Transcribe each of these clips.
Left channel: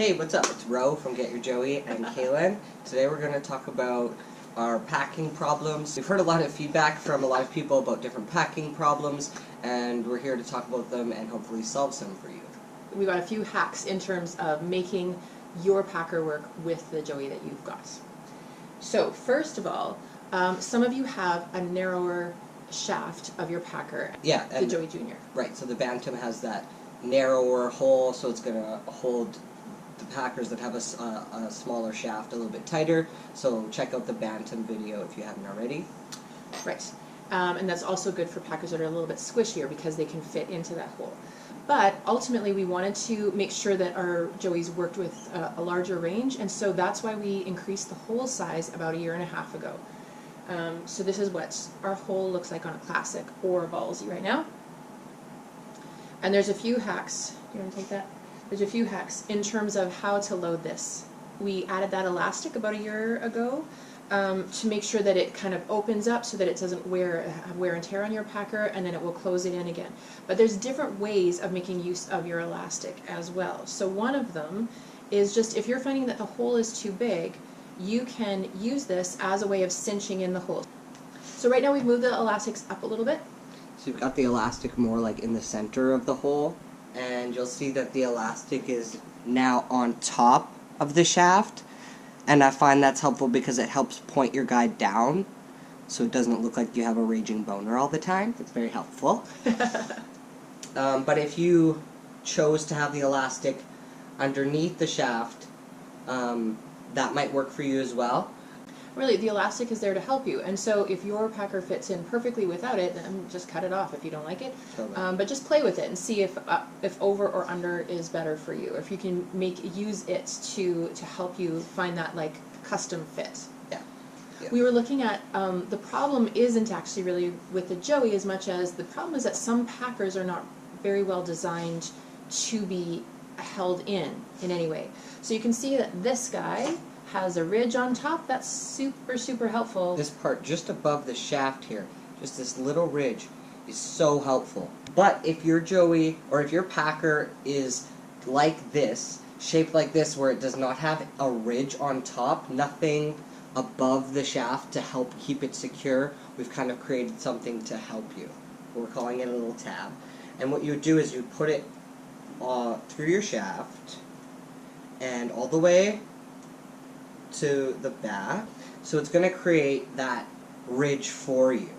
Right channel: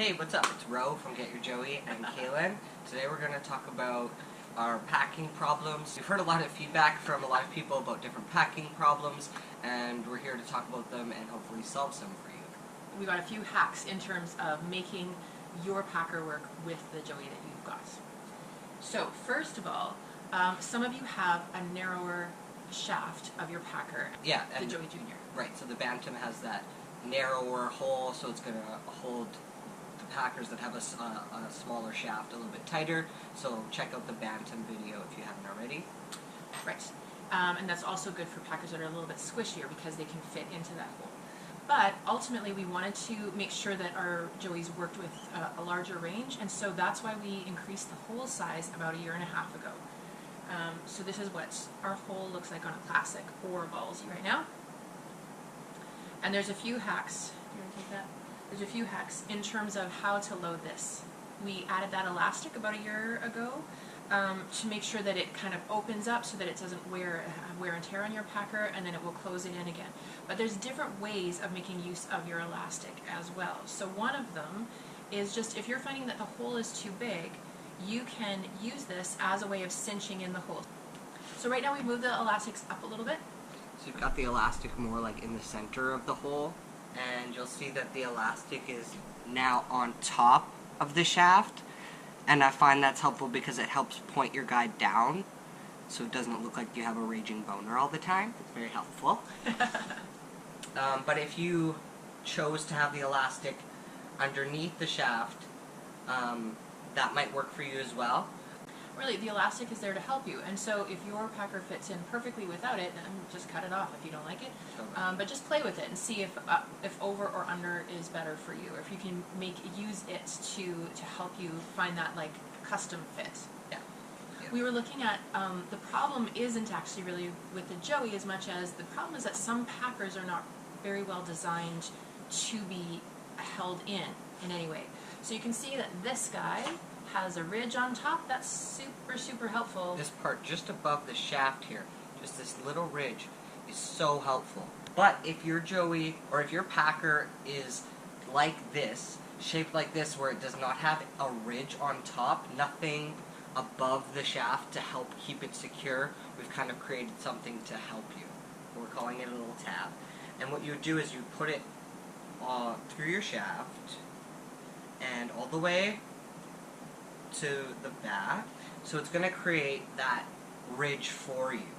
Hey, what's up? It's Ro from Get Your Joey and Kaylin. Today we're going to talk about our packing problems. We've heard a lot of feedback from a lot of people about different packing problems, and we're here to talk about them and hopefully solve some for you. We've got a few hacks in terms of making your packer work with the Joey that you've got. So first of all, some of you have a narrower shaft of your packer, Yeah, the Joey Junior. Right, so the Bantam has that narrower hole, so it's going to hold the packers that have a smaller shaft a little bit tighter. So check out the Bantam video if you haven't already. Right, and that's also good for packers that are a little bit squishier because they can fit into that hole. But ultimately we wanted to make sure that our Joeys worked with a larger range, and so that's why we increased the hole size about 1.5 years ago. So this is what our hole looks like on a classic or a ballsy right now. And there's a few hacks. Do you want to take that? There's a few hacks in terms of how to load this. We added that elastic about 1 year ago to make sure that it kind of opens up so that it doesn't have wear and tear on your packer, and then it will close it in again. But there's different ways of making use of your elastic as well. So one of them is just if you're finding that the hole is too big, you can use this as a way of cinching in the hole. So right now we've moved the elastics up a little bit. So you've got the elastic more like in the center of the hole, and you'll see that the elastic is now on top of the shaft, and I find that's helpful because it helps point your guide down so it doesn't look like you have a raging boner all the time. It's very helpful. But if you chose to have the elastic underneath the shaft, that might work for you as well. Really, the elastic is there to help you, and so if your packer fits in perfectly without it, then just cut it off if you don't like it. But just play with it and see if over or under is better for you, or if you can use it to help you find that like custom fit. Yeah. We were looking at the problem isn't actually really with the Joey as much as the problem is that some packers are not very well designed to be held in any way. So you can see that this guy has a ridge on top. That's super helpful. This part just above the shaft here, just this little ridge, is so helpful. But if your Joey or if your packer is like this, shaped like this, where it does not have a ridge on top, nothing above the shaft to help keep it secure, we've kind of created something to help you. We're calling it a little tab. And what you would do is you put it through your shaft and all the way to the back, so it's going to create that ridge for you.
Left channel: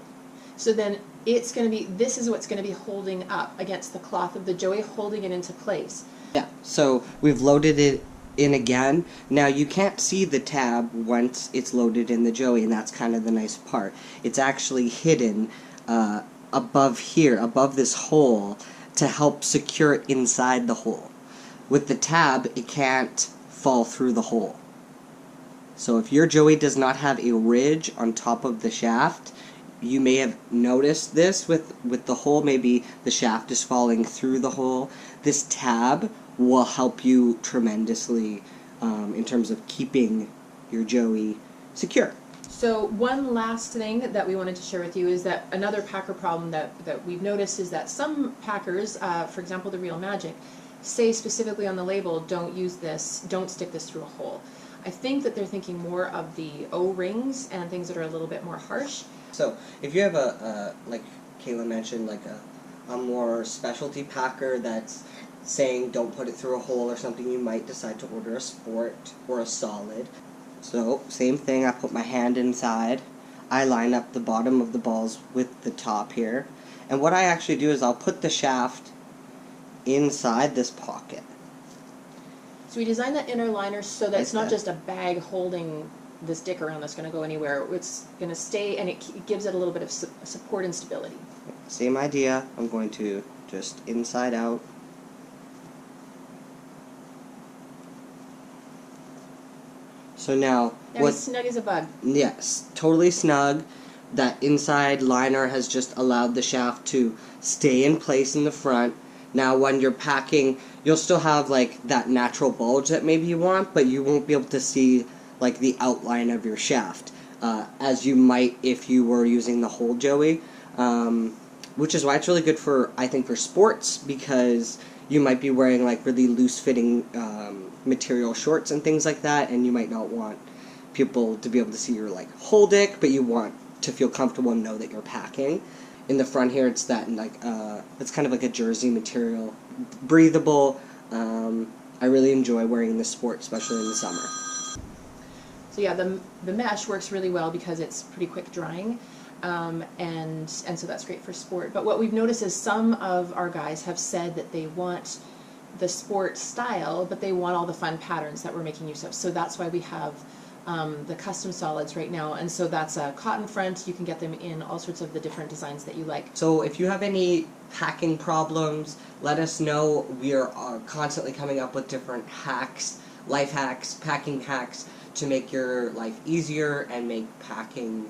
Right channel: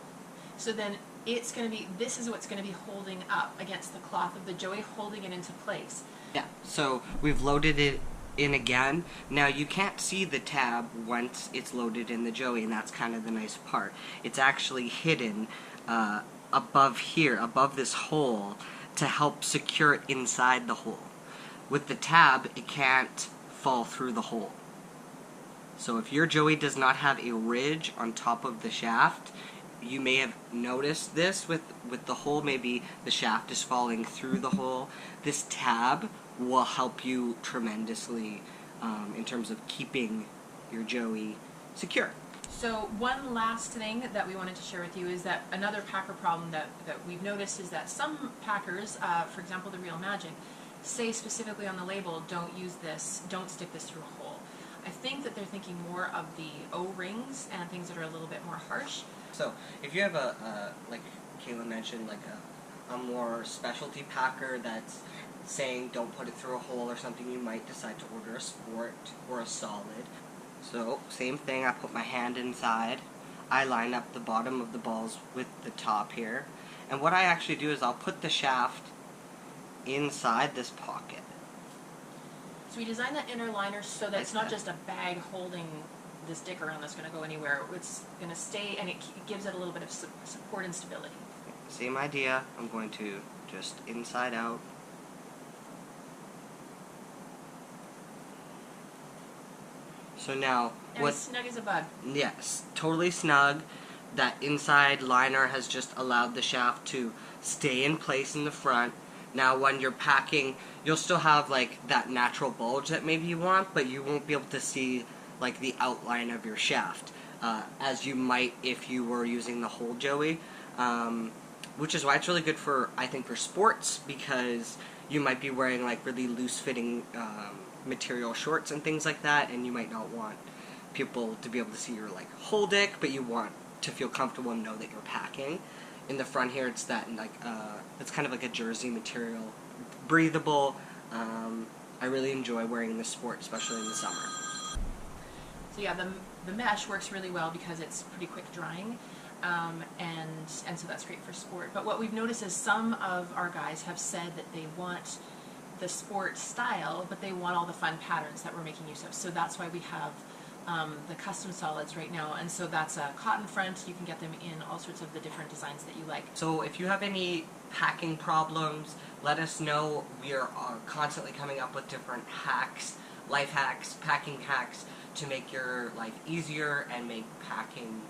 So then it's going to be, this is what's going to be holding up against the cloth of the Joey, holding it into place. Yeah, so we've loaded it in again. Now you can't see the tab once it's loaded in the Joey, and that's kind of the nice part. It's actually hidden above here, above this hole, to help secure it inside the hole. With the tab, it can't fall through the hole. So if your Joey does not have a ridge on top of the shaft, you may have noticed this with the hole. Maybe the shaft is falling through the hole. This tab will help you tremendously in terms of keeping your Joey secure. So one last thing that we wanted to share with you is that another packer problem that we've noticed is that some packers, for example the Real Magic, say specifically on the label, don't use this, don't stick this through a hole. I think that they're thinking more of the O-rings and things that are a little bit more harsh. So if you have like Kayla mentioned, like a more specialty packer that's saying don't put it through a hole or something, you might decide to order a sport or a solid. So same thing, I put my hand inside, I line up the bottom of the balls with the top here, and what I actually do is I'll put the shaft inside this pocket. So we designed that inner liner so that it's not just a bag holding this dick around that's going to go anywhere. It's going to stay, and it gives it a little bit of support and stability. Same idea. I'm going to just inside out. So now, As snug as a bug. Yes, totally snug. That inside liner has just allowed the shaft to stay in place in the front. Now when you're packing, you'll still have like that natural bulge that maybe you want, but you won't be able to see like the outline of your shaft, as you might if you were using the whole Joey, which is why it's really good for, I think, for sports, because you might be wearing like really loose-fitting material shorts and things like that, and you might not want people to be able to see your like whole dick, but you want to feel comfortable and know that you're packing. In the front here, it's that like it's kind of like a jersey material, breathable. I really enjoy wearing this sport, especially in the summer. So yeah, the mesh works really well because it's pretty quick drying, and so that's great for sport. But what we've noticed is some of our guys have said that they want the sport style, but they want all the fun patterns that we're making use of. So that's why we have the custom solids right now, and so that's a cotton front. You can get them in all sorts of the different designs that you like. So if you have any packing problems, let us know. We are constantly coming up with different hacks, life hacks, packing hacks to make your life easier and make packing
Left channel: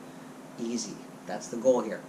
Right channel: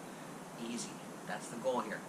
easy. That's the goal here.